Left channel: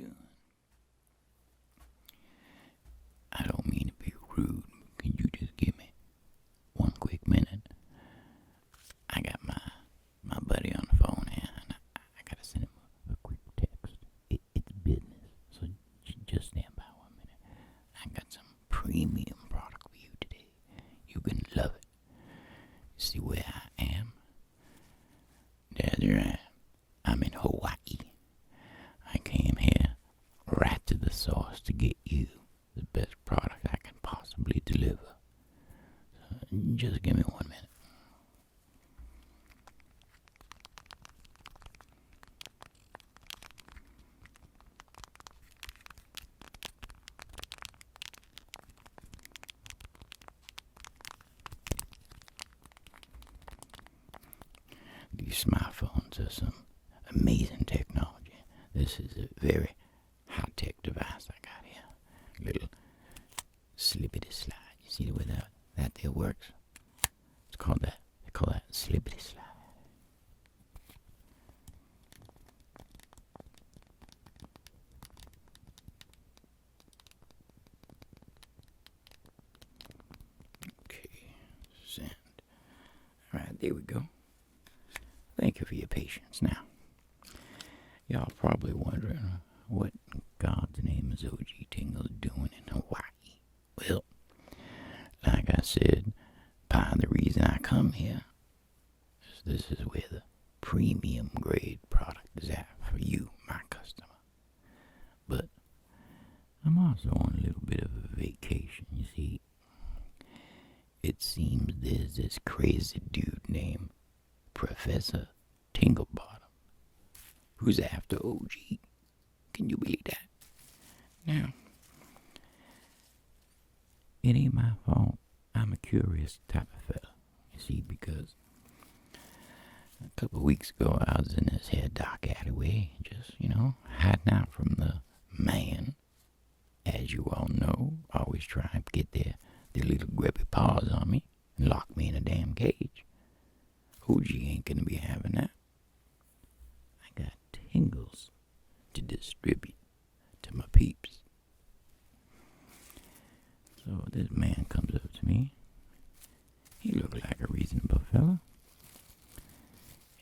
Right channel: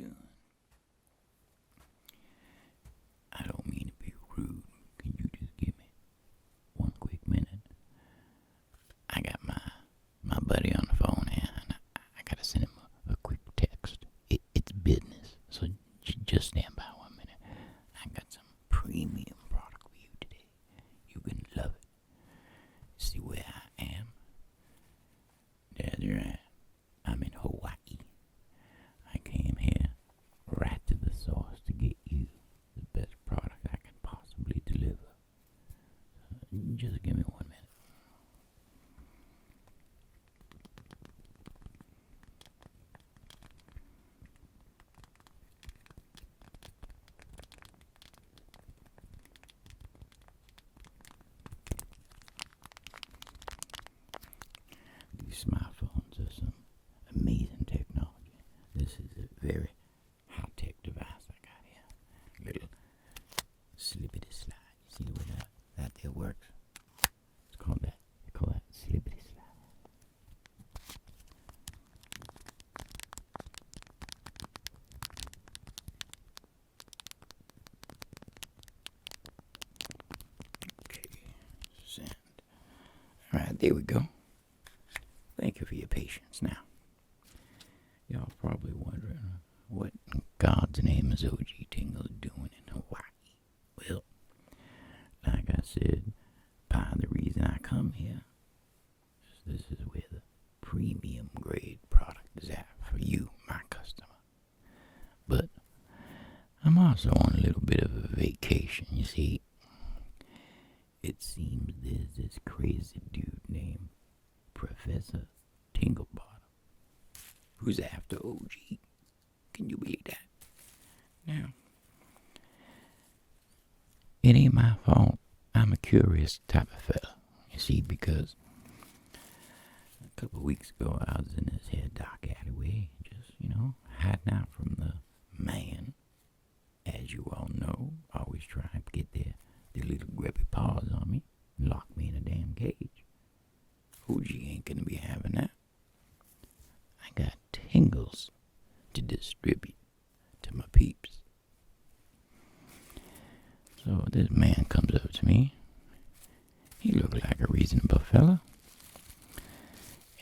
doing? I don't mean to be rude. Can you just give me one quick minute? I got my buddy on the phone here, and I gotta send him a quick text. It's business, so just stand by 1 minute. I got some premium product for you today. You're gonna love it. See where I am? That's right. I'm in Hawaii. I came here right to the source to get you the best product I can possibly deliver. So just give me 1 minute. These smartphones are some amazing technology. This is a very high-tech device I got here. Little slippity slide. You see the way that there works? It's called that. They call that slippity slide. Okay, send. All right, there we go. Thank you for your patience. Now, y'all probably wondering what in God's name is O.G.T doing in Hawaii. Well, like I said, part of the reason I come here is this is where the premium grade product is at for you, my customer. But I'm also on a little bit of a vacation. You see, it seems there's this crazy dude named Professor Tinglebottom, who's after OG. Can you believe that? Now, it ain't my fault. I'm a curious type of fella, you see, because a couple of weeks ago I was in this here dark alleyway, just, hiding out from the man, as you all know, always trying to get their little grubby paws on me and lock me in a damn cage. OG ain't gonna be having that. I got tingles to distribute to my peeps. So this man comes up to me. He looked like a reasonable fella.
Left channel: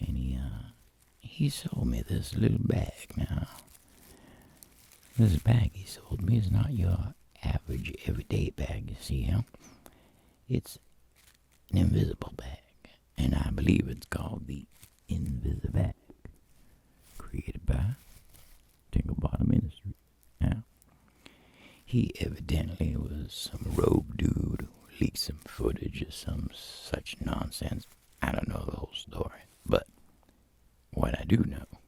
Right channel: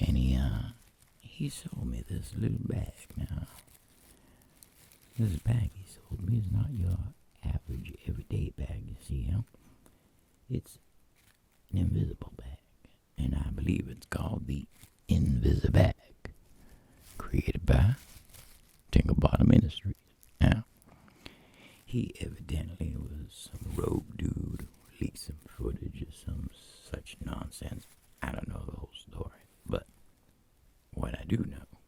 And he sold me this little bag. Now, this bag he sold me is not your average everyday bag, you see, It's an invisible bag. And I believe it's called the Invisibag, created by Tinglebottom Industries. Now, he evidently was some rogue dude who leaked some footage or some such nonsense. I don't know the whole story, but what I do know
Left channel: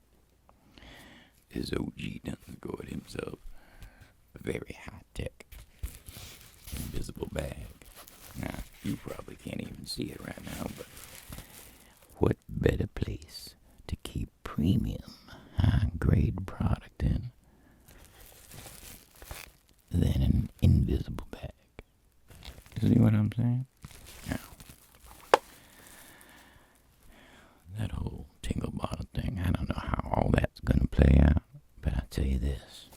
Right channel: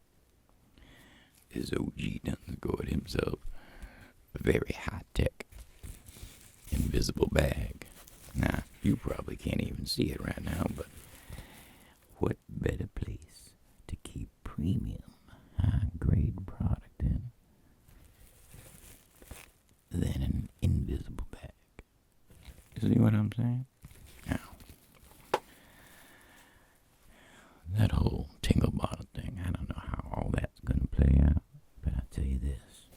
is OG doesn't go it himself. A very high-tech, invisible bag. Now, you probably can't even see it right now, but what better place to keep premium, high-grade product in than an invisible bag? You see what I'm saying? Now, that whole tingle bottle thing, I don't know how all that's going to play out, but I'll tell you this.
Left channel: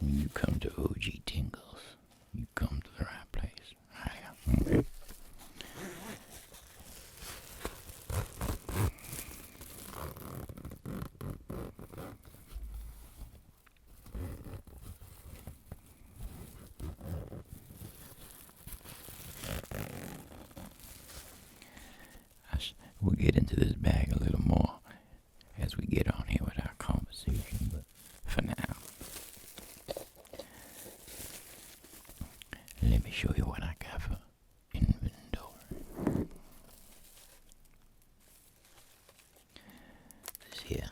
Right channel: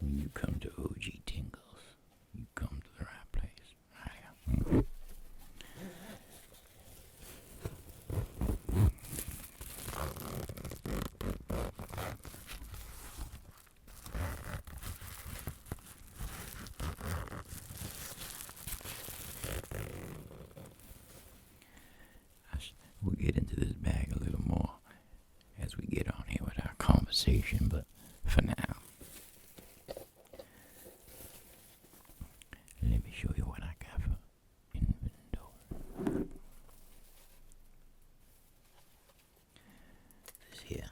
When you come to OG Tingles, you come to the right place. Okay? We'll get into this bag a little more as we get on here with our conversation, but for now, let me show you what I got for inventory. This here,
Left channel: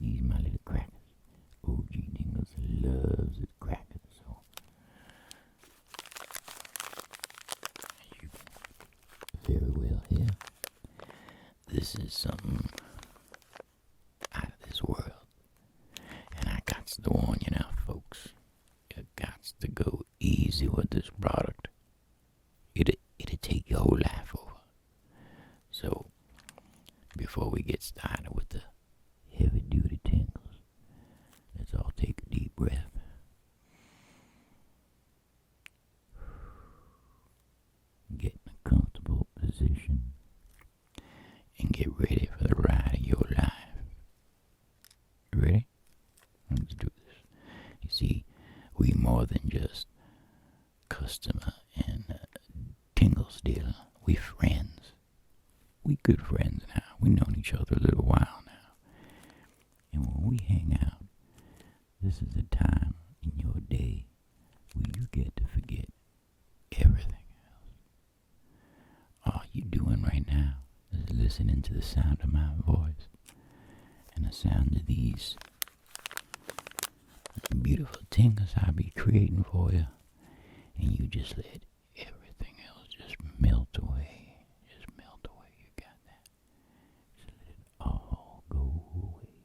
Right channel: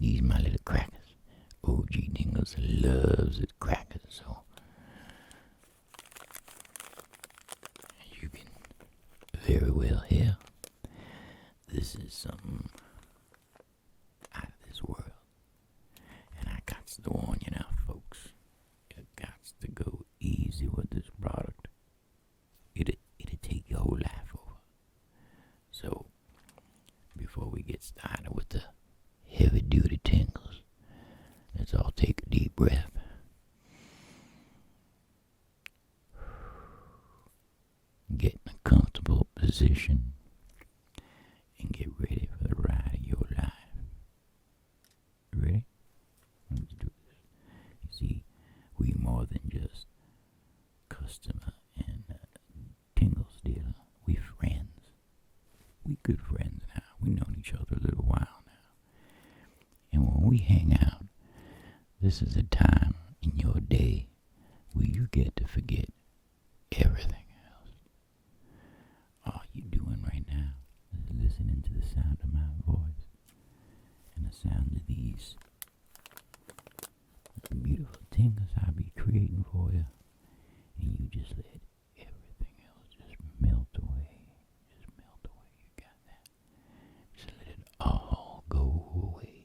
these my little crackers. O.G. Dingles loves his crackers, so you can very well hear. This is something out of this world. And I got to warn you now, folks. You got to go easy with this product. It'll take your whole life over. So, before we get started with the heavy duty tingles, let's all take a deep breath. Get in a comfortable position and get ready for the ride of your life. You ready? Let's do this. You see, we more than just customer and tingles dealer. We friends. We good friends now. We known each other a little while now. And when we hang out, this is a time in your day where you get to forget everything else. All you doing right now is listening to the sound of my voice and the sound of these beautiful tingles I'll be creating for you. And you just let everything else just melt away. Just melt away. You got that? Just let it all go away.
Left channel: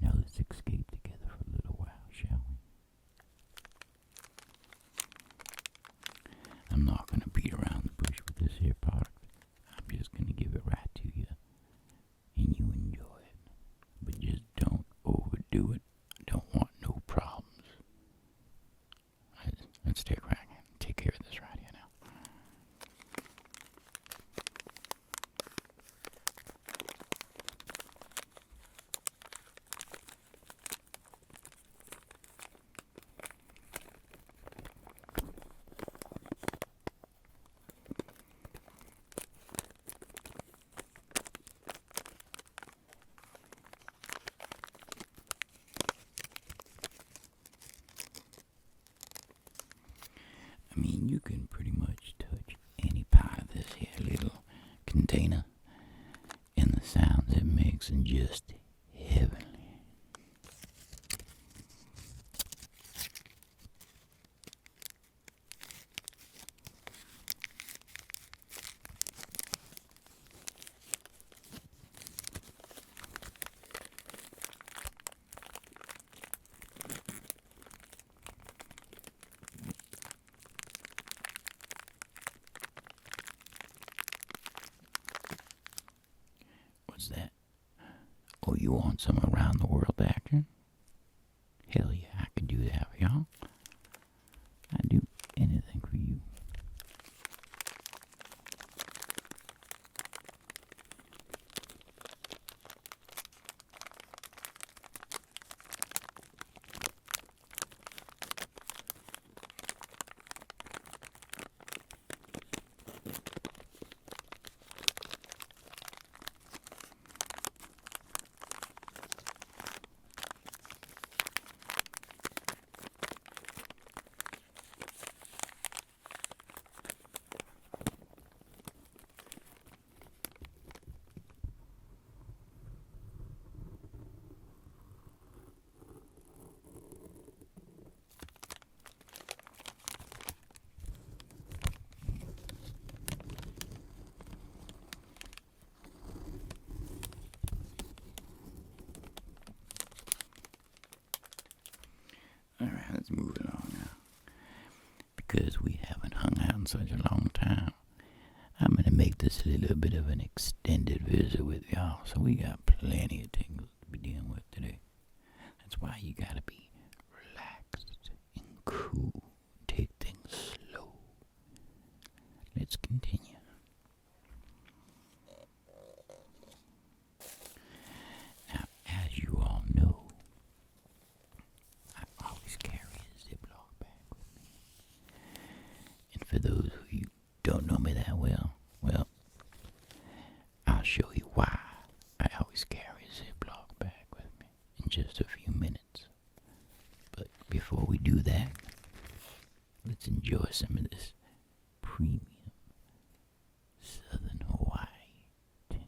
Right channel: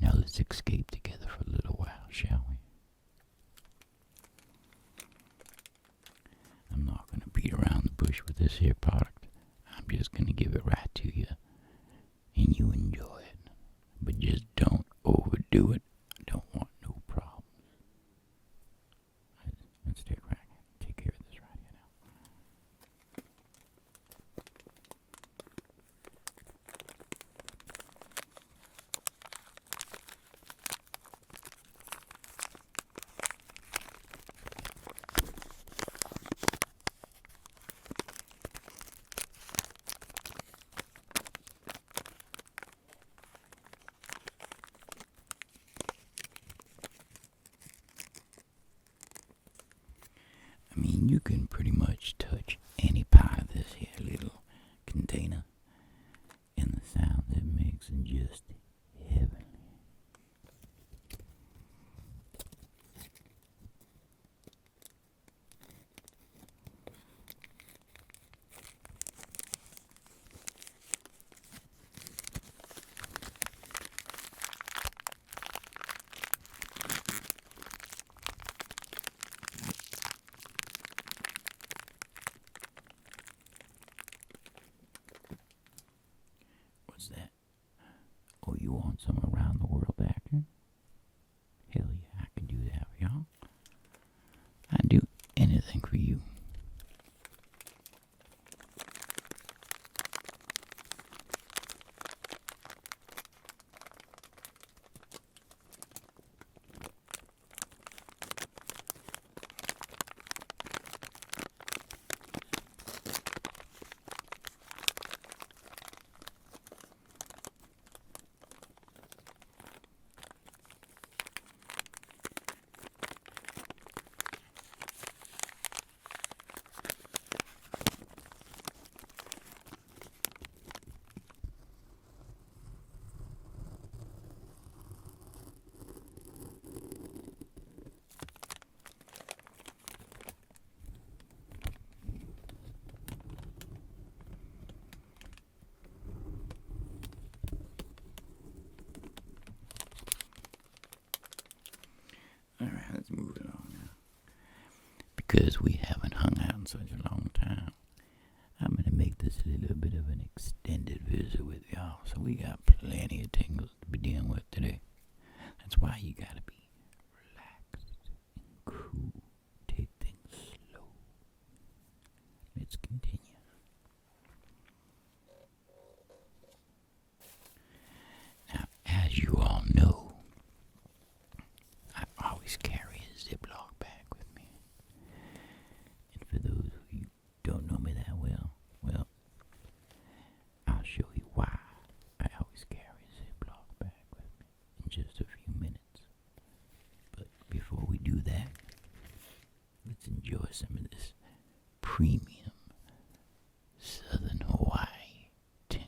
Now let's escape together for a little while, shall we? I'm not going to beat around the bush with this here product. I'm just going to give it right to you. And you enjoy it. But just don't overdo it. I don't want no problems. Let's take care of this right here now. I mean, you can pretty much touch any part of this here little container, and the sounds it makes are just heavenly. What's that? Oh, you want some around the world action? Hell yeah, I could do that for y'all. I'd do anything for you. Alright, let's move it on now. Because we haven't hung out in such a long time, I'm going to make this a little bit of an extended visit with y'all. So we got plenty of tingles to be dealing with today. That's why you got to be relaxed and cool. Take things slow. Let's continue. Now, as you all know, I always carry a Ziploc bag with me. And for those who don't know me that well, I'll show you why I always carry a Ziploc bag with me in just a few minutes. But before we do that, let's enjoy some of this premium Southern Hawaii tingle.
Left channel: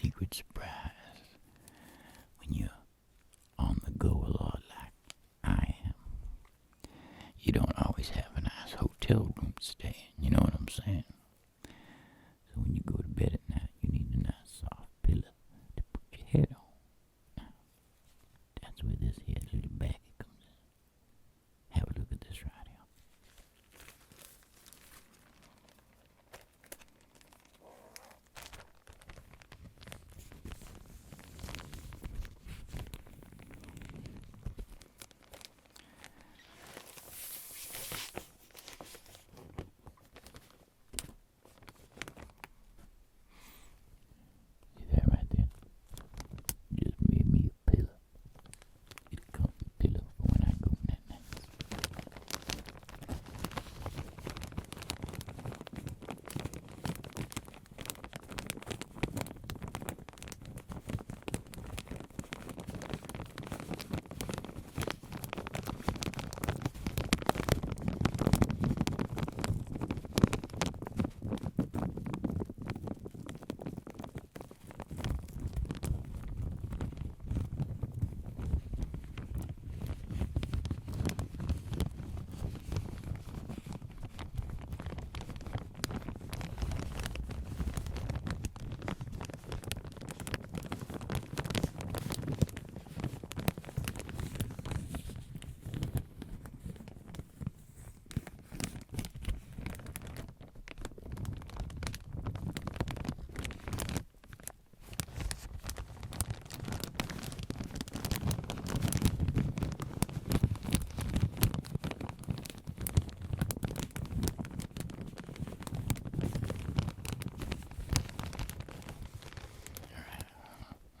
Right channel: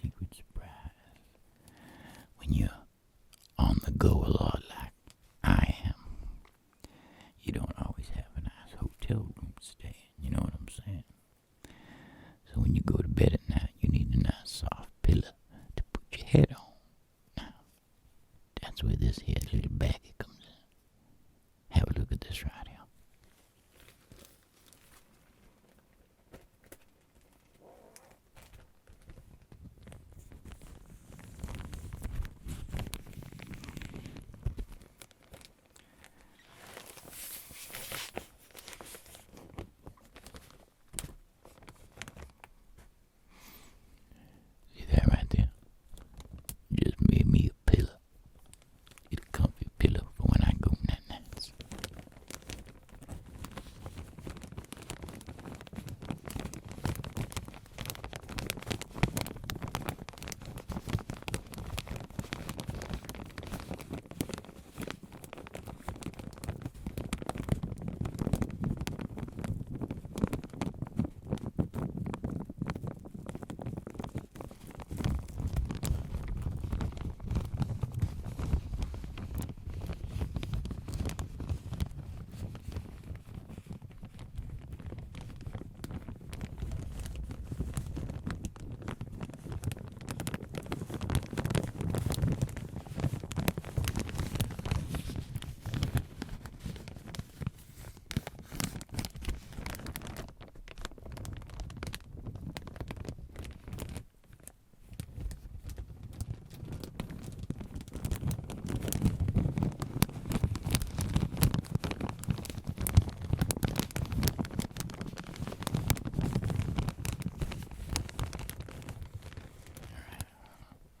secret surprise. When you're on the go a lot like I am, you don't always have a nice hotel room to stay in, you know what I'm saying? So when you go to bed at night, you need a nice soft pillow to put your head on. Now, that's where this here little baggie comes in. Have a look at this right here. See that right there? Just made me a pillow. Get a comfy pillow for when I go night nights.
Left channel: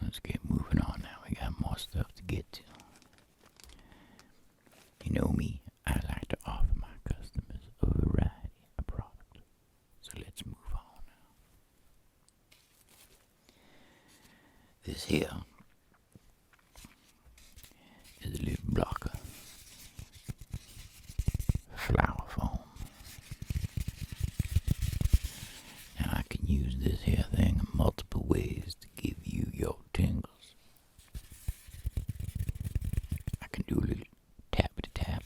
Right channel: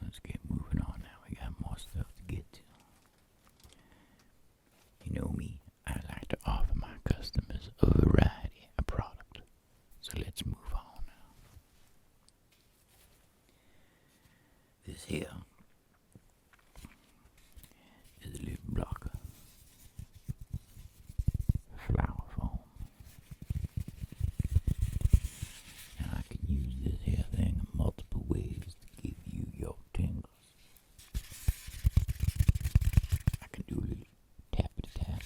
Let's get moving on now. We got more stuff to get to. You know me, I like to offer my customers a variety of products. So let's move on now. This here is a little blocker flower foam. Now I can use this here thing in multiple ways to give you your tingles. I can do a little tappity tap.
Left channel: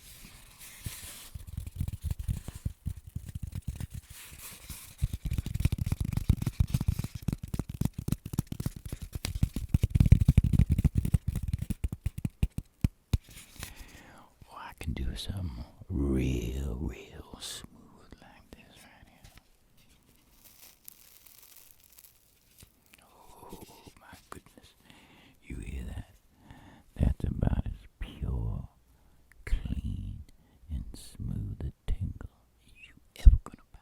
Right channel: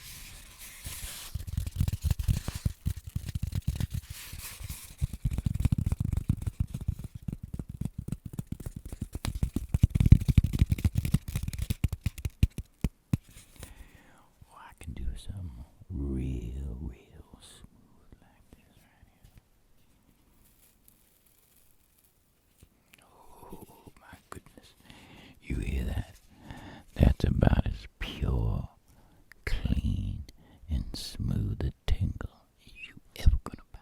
Or I can do some real smooth like this right here. Oh my goodness. You hear that? That's about as pure, clean, and smooth a tingle as you ever gonna buy.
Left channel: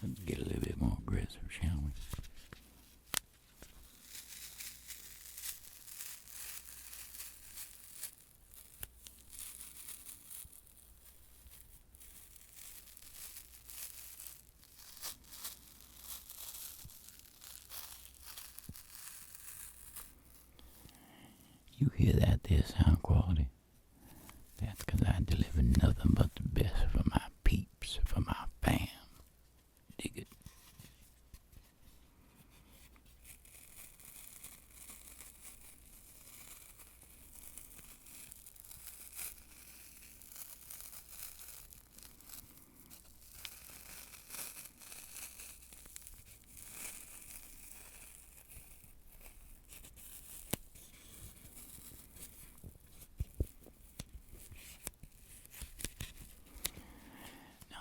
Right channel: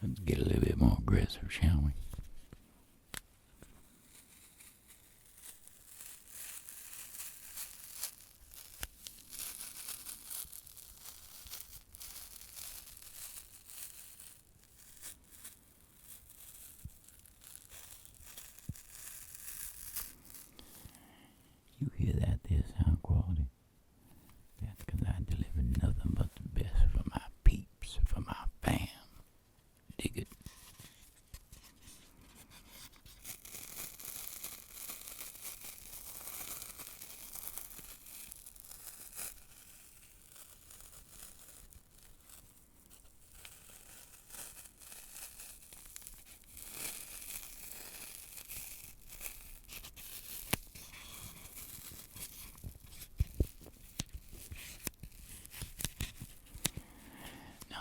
Let's get a little bit more aggressive, shall we? You hear that there sound quality? That's 'cause I deliver nothing but the best for my peeps, for my fam. Dig it?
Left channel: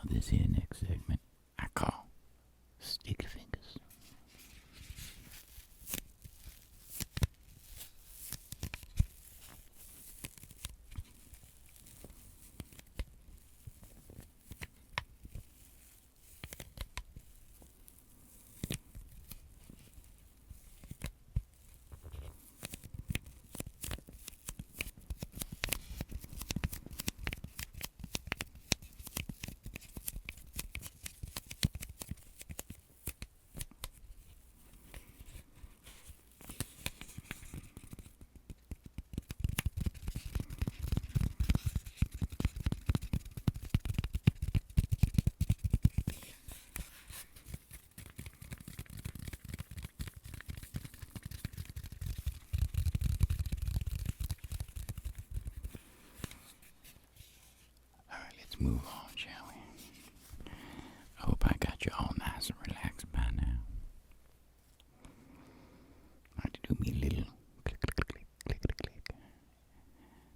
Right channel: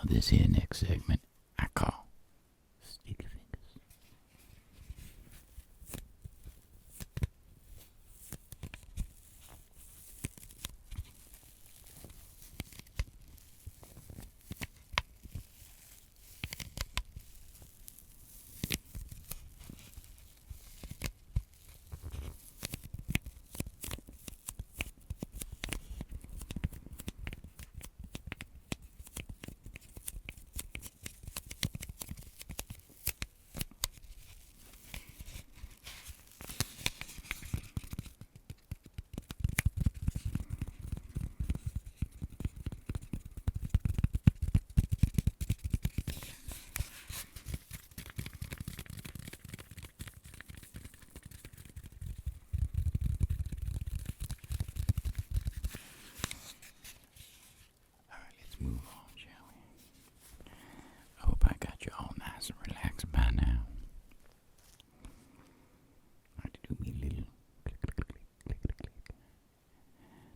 this here next segment I call Sticky Fingers. Let's move on, shall we? I hope I got you all nice and relaxed by now. I like to do me a little click, click, click, click, click, click.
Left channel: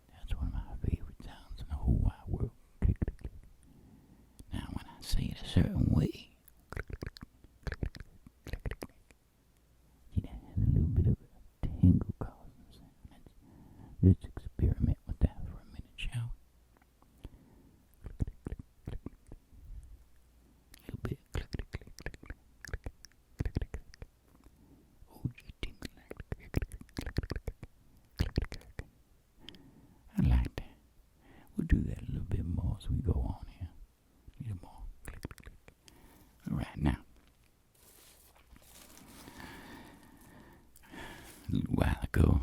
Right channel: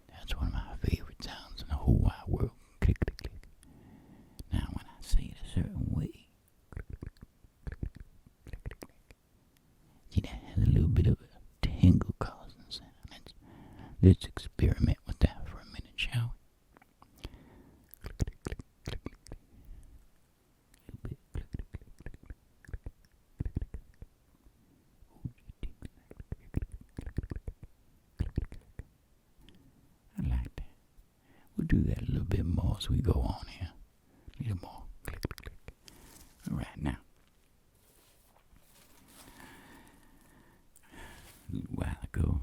That's one of my favorite sounds in the whole wide world. Click, click, click. Now, when I say it a certain way, click, click, click, click, click, click, click, click. See, that has a little bit of a tingle causing sound. Let's experiment with that for a minute, shall we? I like that. We'll do that a little bit more as we go on here. A little more. Click, click, click. All right, now. A little while ago,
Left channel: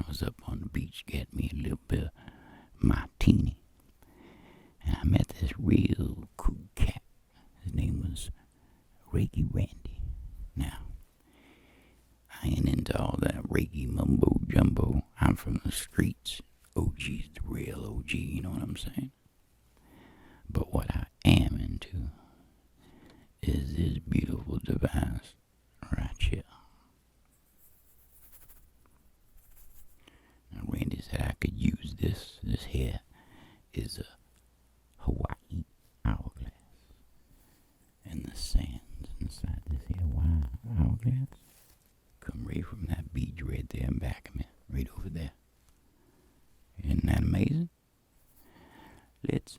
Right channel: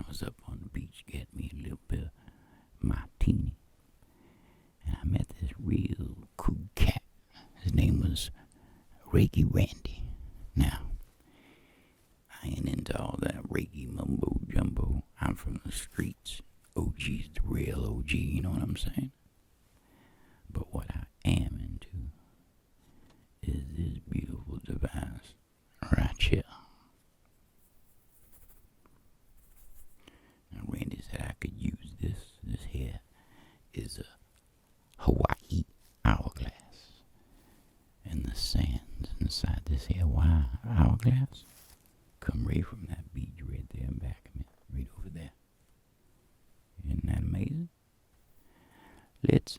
I was up on the beach getting me a little bit of martini. And I met this real cool cat. His name was Reiki Randy. Now, I ain't into all that Reiki mumbo jumbo. I'm from the streets. O.G.'s the real O.G., you know what I'm saying? But what I am into is this beautiful device right here. Now, Randy said I could use this. This here is a Hawaii hourglass. And the sands inside this here hourglass come right from that beach right there in back of me, right over there. Isn't that amazing? Let's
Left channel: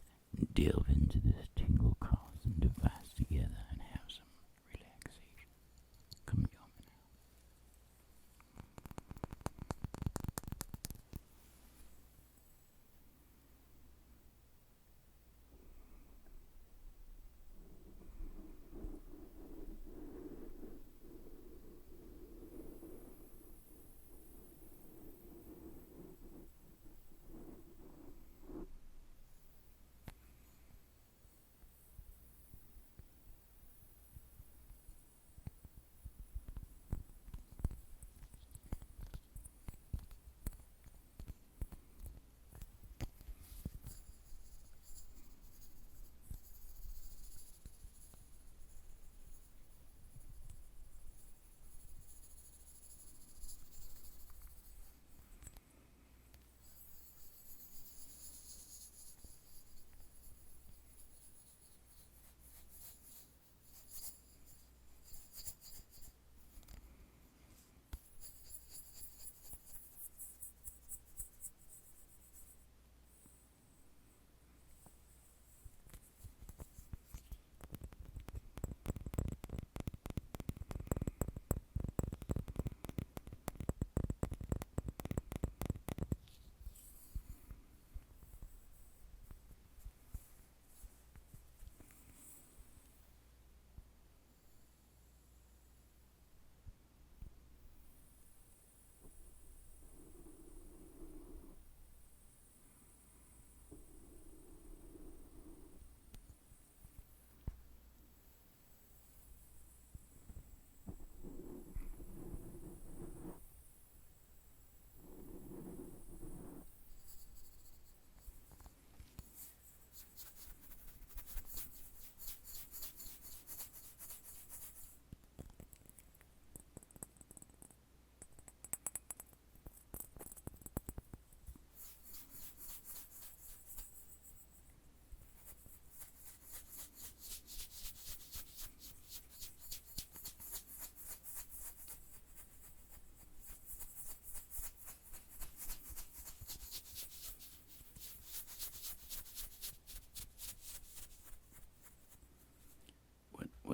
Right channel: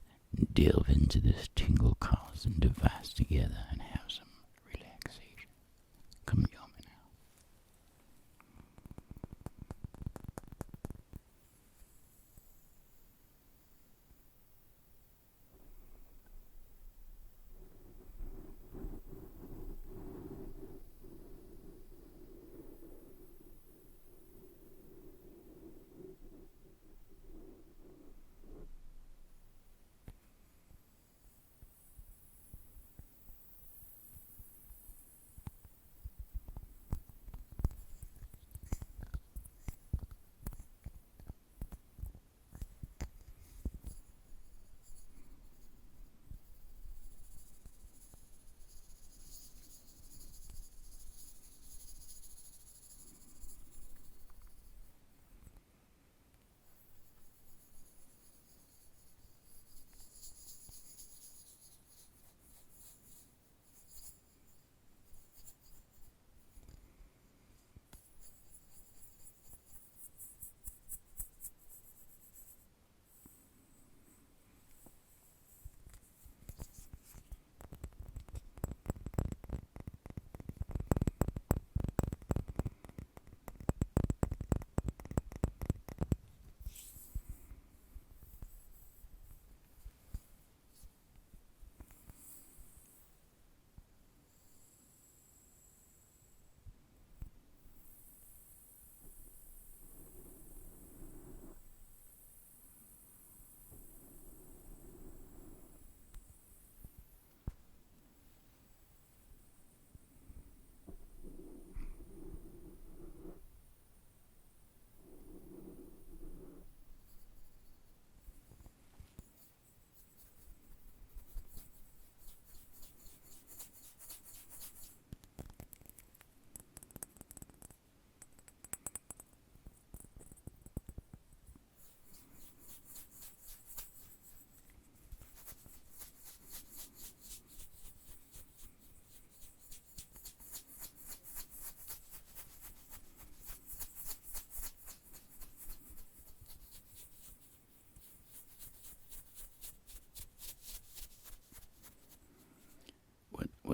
delve into this tingle-causing device together and have some relaxation. Come join me now.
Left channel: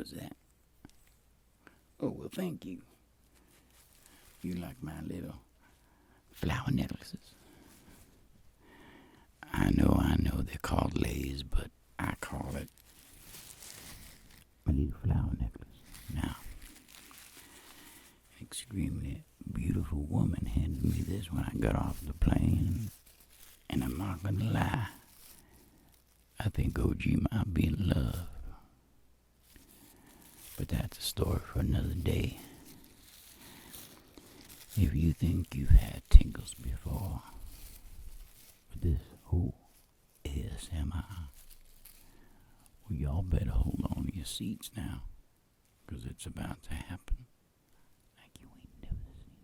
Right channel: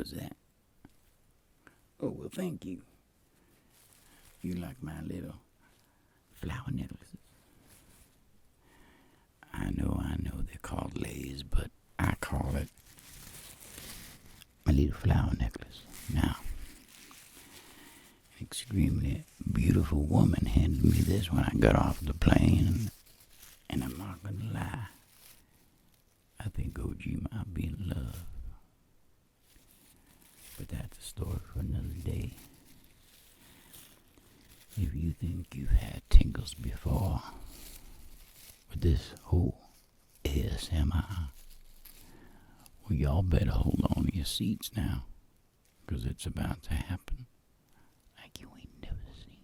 What's that? Oh, well, thank you. You like my little flower necklaces? I know, they're called lays, but I call it my little flower necklace. Now, an extremely beautiful woman handed me this when I got off the plane, and I'm not gonna lie, I think O.G. might be in love. But that's a story for another day. If you think you've had tingles before with this whole ASMR, well, y'all better hold on to your seats now, 'cause it's about to happen like you ain't never seen.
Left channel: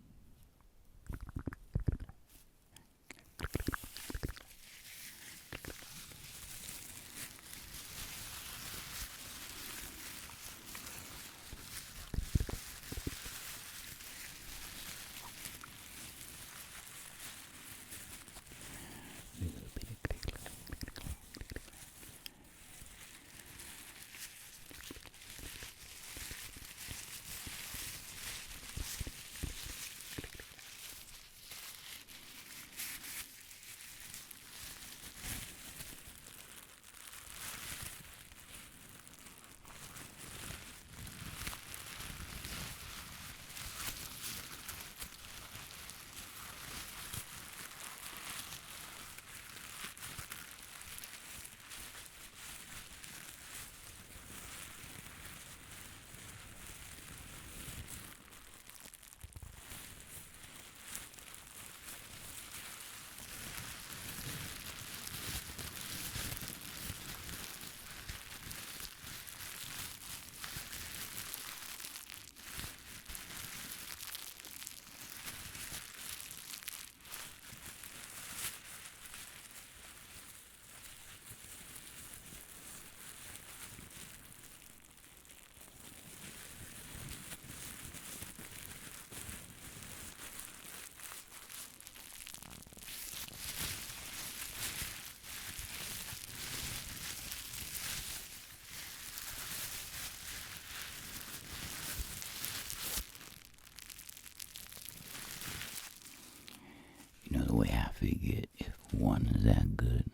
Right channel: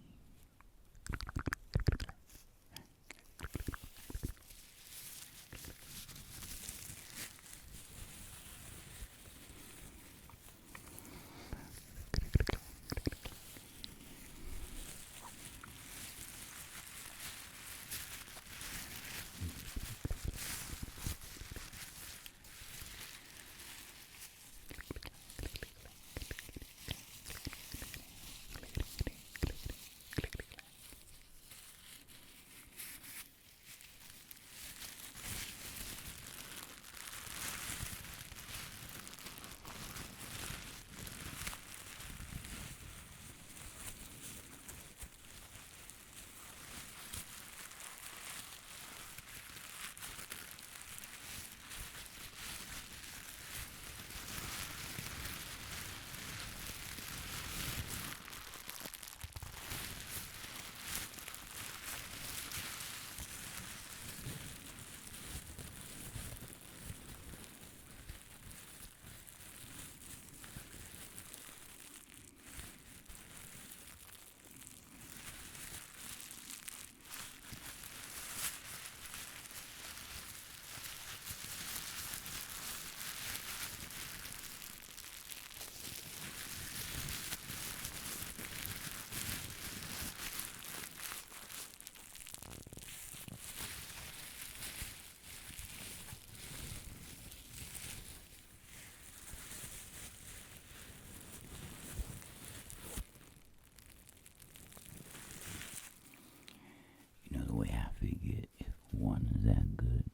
You know, the way I figure it, if one is that good,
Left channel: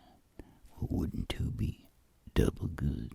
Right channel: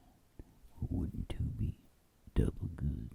well, wouldn't two be double good?